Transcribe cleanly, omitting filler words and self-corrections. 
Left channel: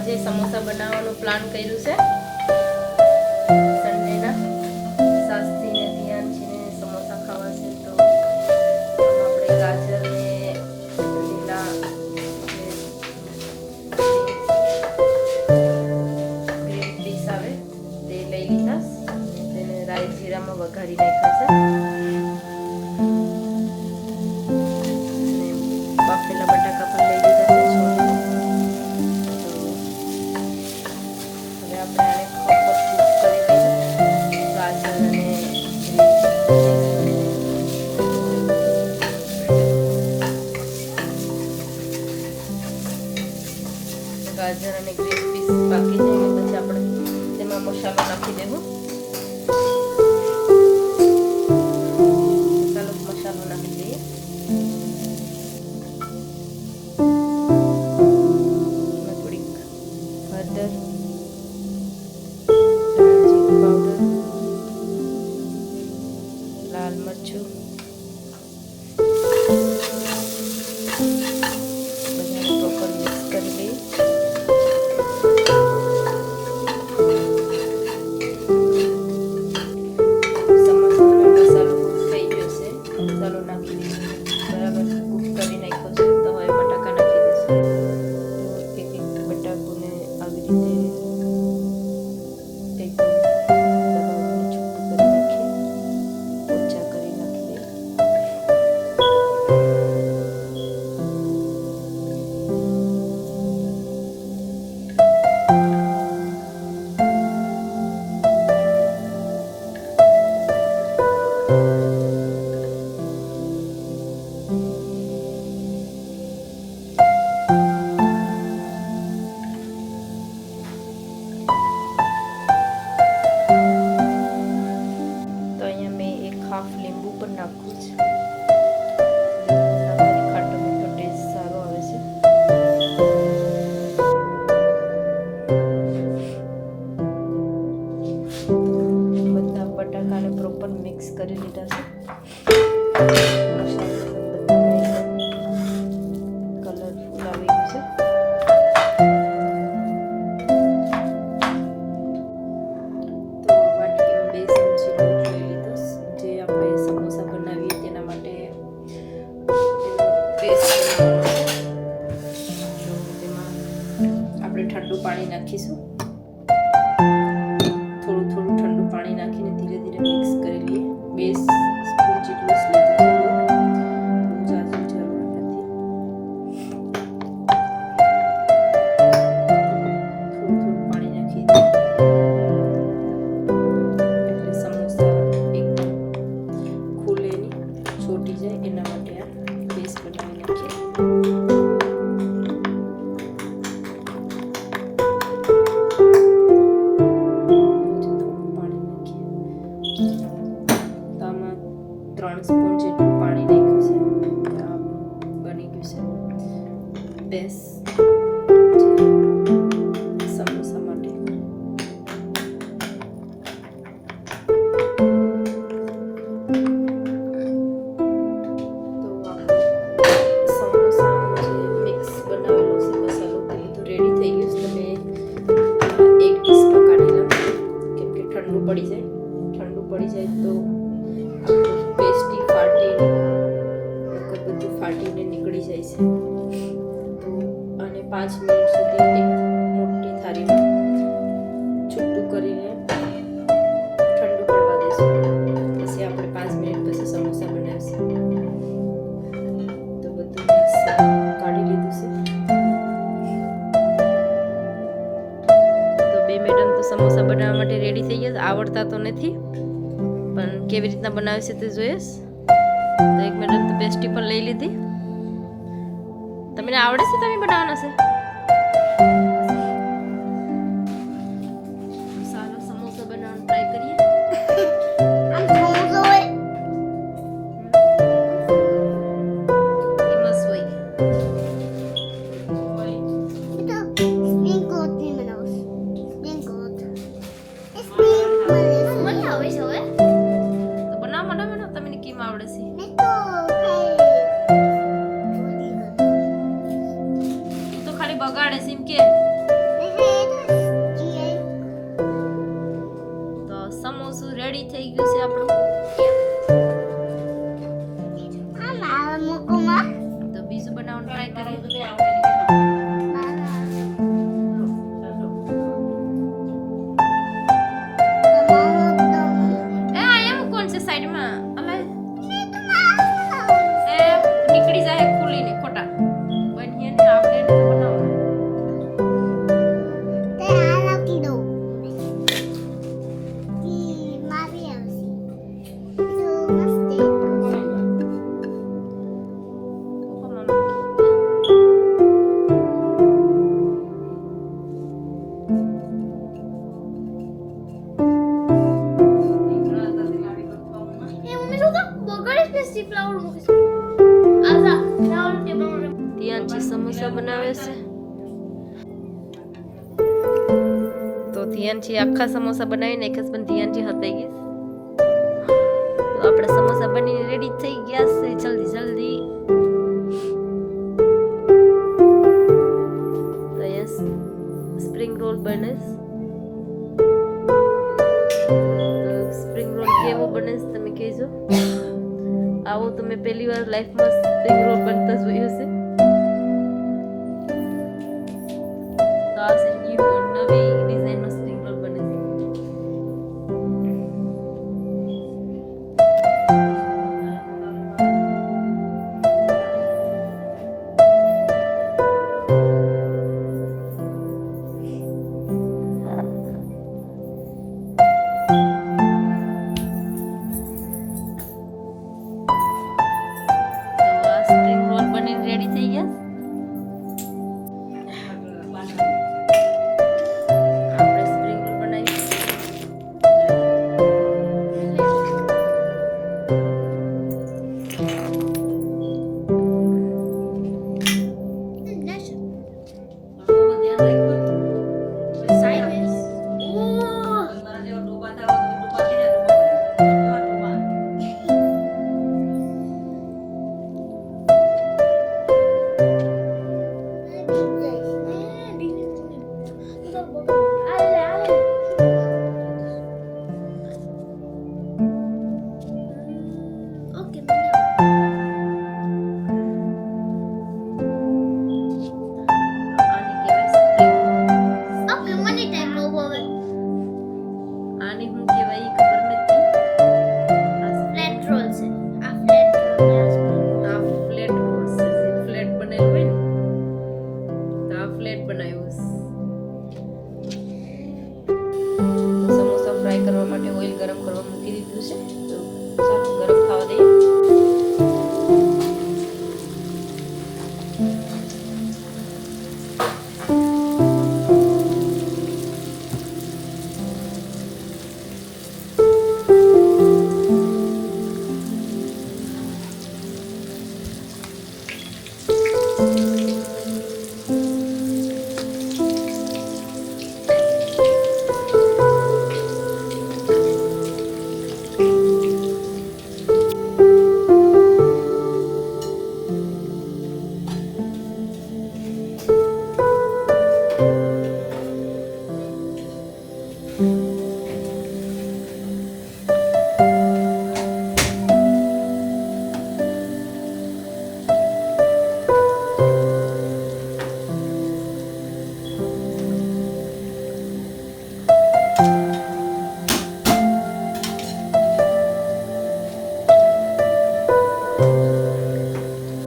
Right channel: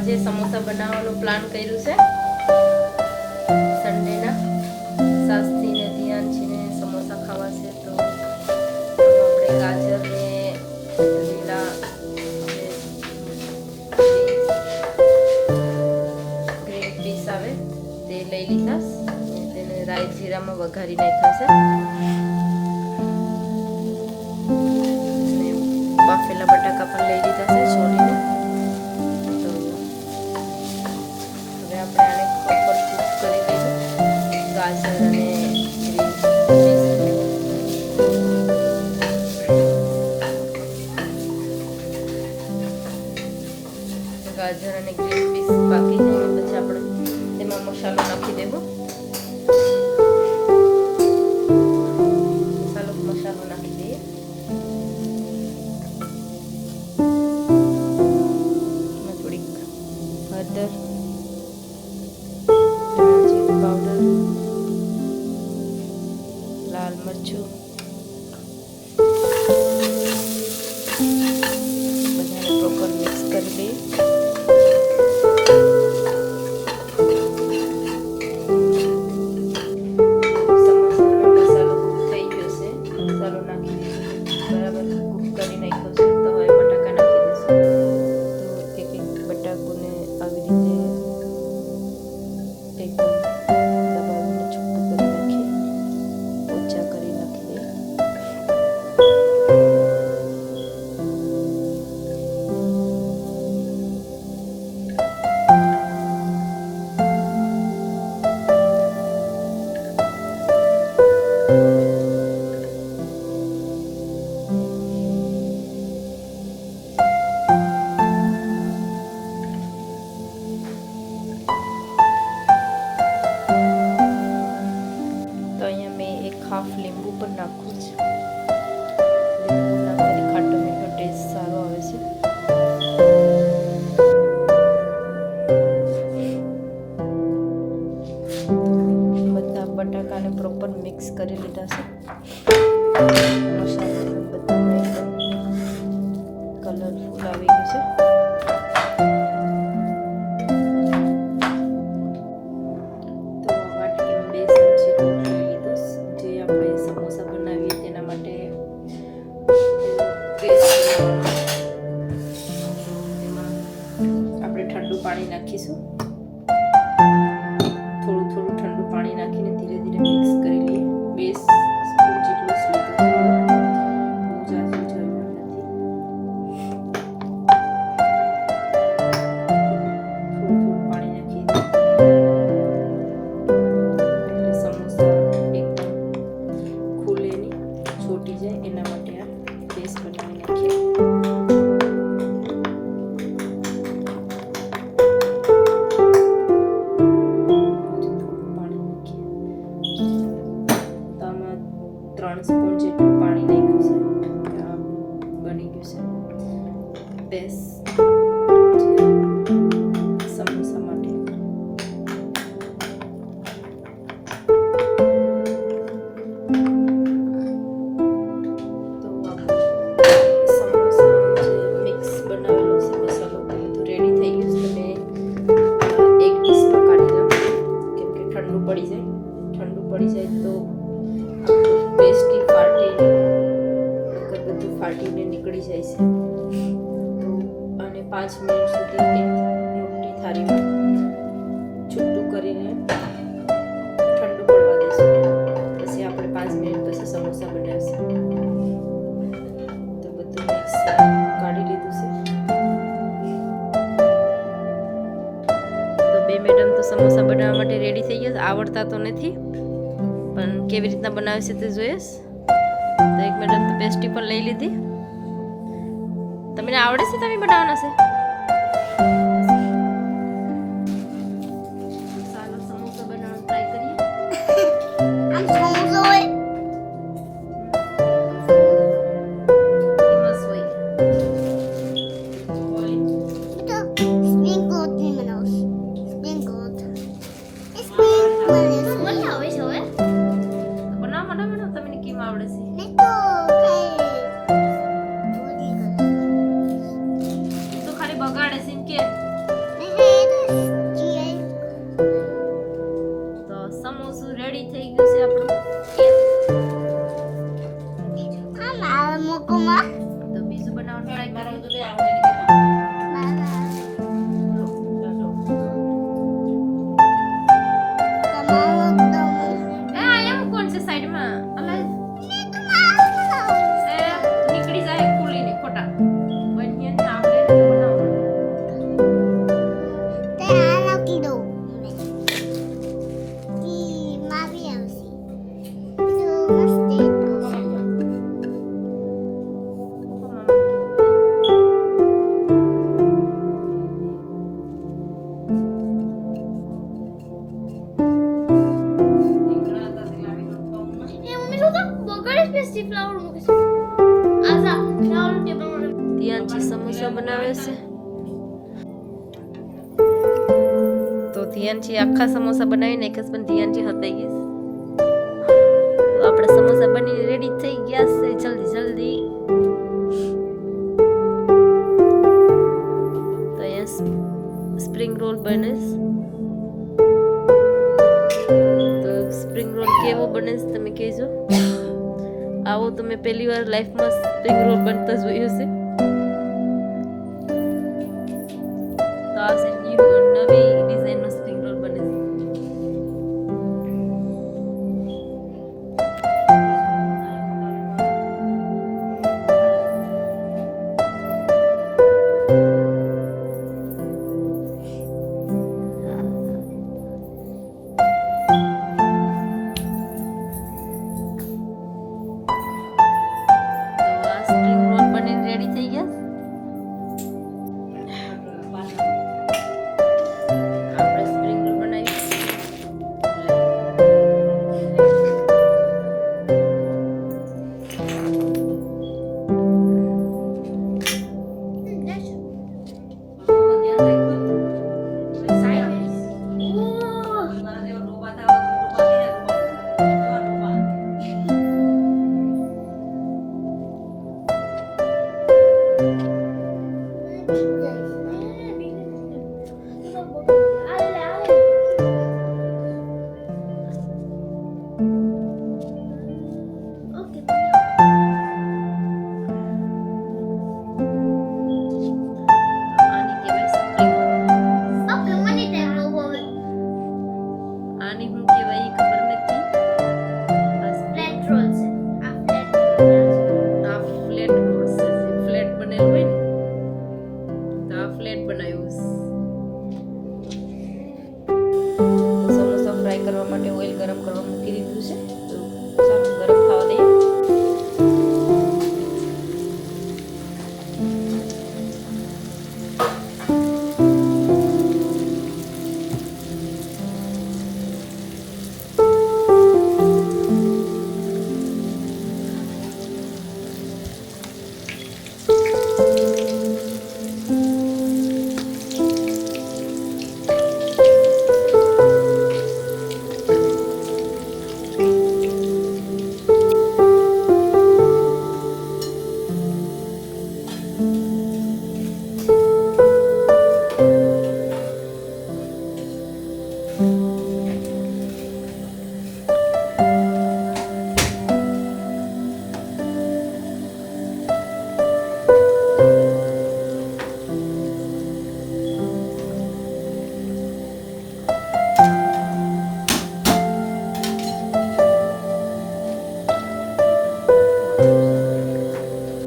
આજે સમોસા બનાવવાનો પ્લાન કર્યું છે. સન્ડેના સાસતીને ધ્યાન છે ને સમોસા ખાવા છે, તો આપણે ગાજર ને લીલા ગ્રીન પીસ આવે તે લઈ લીધા, તેને રાઈ જીરામાં વઘારી નાખ્યા છે. બાફેલા બટાકા પણ લઈ લીધા છે છોડીને. તો હવે આપણે આને પ્રોપર કૂક કરી દઈએ. ગાજર અને ગ્રીન પીસ પાકી જાય ને પછી આપણે તેમાં મસાલો નાખી દેવો. મસાલો નાખી દઈએ. થોડીક હળદર, જીરું પાવડર, લાલ મરચું, બધાને પ્રોપર મિક્સ કરી દઈએ. મસાલો નાખી દઈશું, બરાબર કૂક કરી નાખ્યો છે. તો હવે બટાકા નાખી દઈશું. તો એક એક બટાકોને આવી રીતે એકદમ દબાવીને છૂટું કરી નાખીએ, ઓછા કરી નાખી દઈએ. હાફ લીંબુ પણ નાખવું છે. લીંબુ નાખવાથી ખાટો મીઠો ટેસ્ટ સારો આવે છે. બધા બટાકાને પ્રોપર મિક્સ કરી લીધા છે. મસાલો બધામાં કલરફુલ આવી ગયું છે. ઠંડુ પાણી નાખીશું. થોડું થોડું ઠંડુ પાણી નાખીને ધીરે ધીરે મિક્સ કરી લઈએ. 2 સ્પૂન જેટલું જ લીધું છે, બહુ જાજી જરૂર નથી. થોડું થોડું પાણી નાખી દઈએ એટલે સમોસા એકદમ ખુલે નહીં, છોટી જાય એના માટે આ પેસ્ટ બનાવી નાખીએ. તો આમાં 3 સ્પૂન જેટલું પાણી નાખ્યું છે. આપણું બની ગયું છે પેસ્ટ સમોસા માટે. તો આપણું સમોસા જે મિક્સ બનાવેલો છે મસાલો તે બધું રેડી થઈ ગયું છે. તમે એક ડીશમાં કાઢી લો, કેમ કે ઠંડુ પડી જાય. ઠંડુ પડી જાય તો આપણું પેસ્ટી ફાટીને બધું ફાટીને નીકળી જાય છે. તો આને 5 મિનિટ સુધી એક મોટી થાળીમાં છૂટું કરીને ઠંડુ પડવા દઈશું. પછી આપણે 5 મિનિટ પછી સમોસા બનાવીશું. તો બધું મિક્સ કાઢી લીધું છે. તો 2 મેડમ તો સમોસા બનાવવા માટે રેડી થઈ ગયા. આવડતા તો નથી પણ કેવી રીતના બનાવે છે તે જોઈશ. તો 1 મેડમ તો પેસ્ટી પણ લઈ લીધી. તમને આવડે છે? તમે બનાવવાના છે? ચાલો સમોસા બનાવવાનું ટ્રાય કરીએ. ધ્યાન બનાવે છે. તો ધ્યાનથી આખા સમોસા બનાવીને એક જ પણ ધ્યાનથી હતાઈ ગઈશ. તો આપણા સમોસા બનીને રેડી થઈ ગયા છે. જલ્દી જલ્દી તો અહીંયા સ્પ્રિંગ રોલ બને છે. તો સ્પ્રિંગ રોલ કેવો બને છે તમે કહેજો. આવો તમે પહેલી વાર લાઈફમાં સ્પ્રિંગ રોલ બનતા જોયું છે. તો આ છે નવી ડિઝાઇનનો સ્પ્રિંગ રોલ બને છે. તો આ સ્પ્રિંગ રોલ બનીને રેડી થઈ